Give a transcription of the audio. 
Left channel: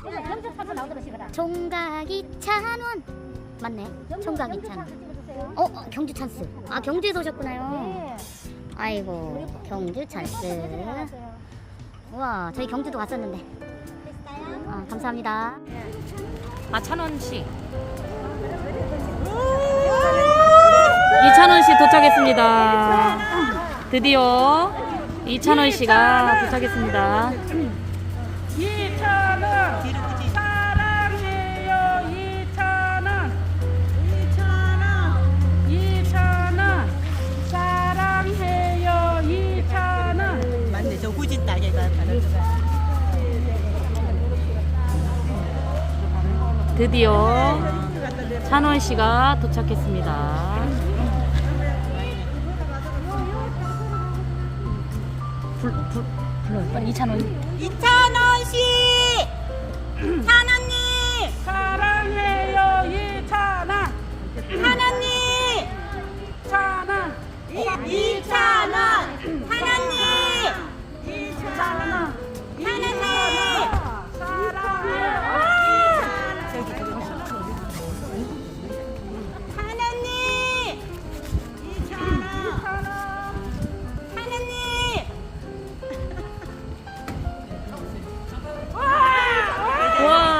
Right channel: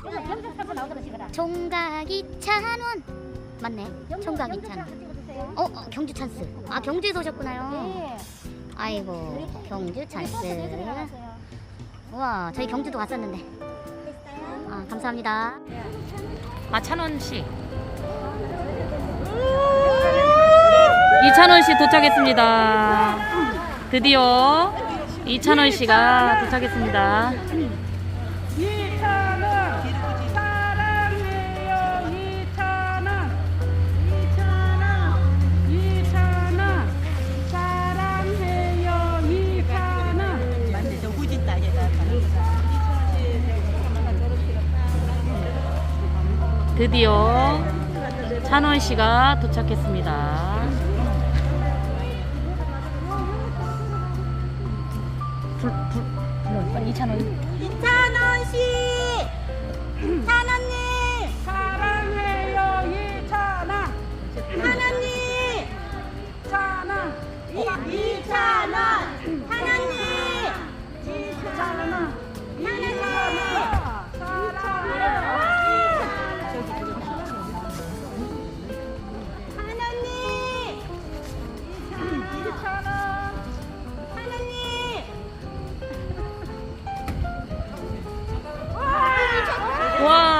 그래서 경주 타서 나오더라 시거라. 총각 2,000원. 맞네. 총각 2,000원. 어, 어, 경주 찬스. 아, 경주에서 오셨구나요. 네. 아이고, 경주 찬스. 우와, 저희 경주도 갔었는데. 아, 감사합니다. 아, 찬원 씨. 이찬원 씨 도착했습니다. 드디어 이찬원 씨가 도착했습니다. 드디어 찬원 씨가 도착했습니다. 불, 불, 불러, 빨리 이찬원. 이찬원 씨 찬원 와,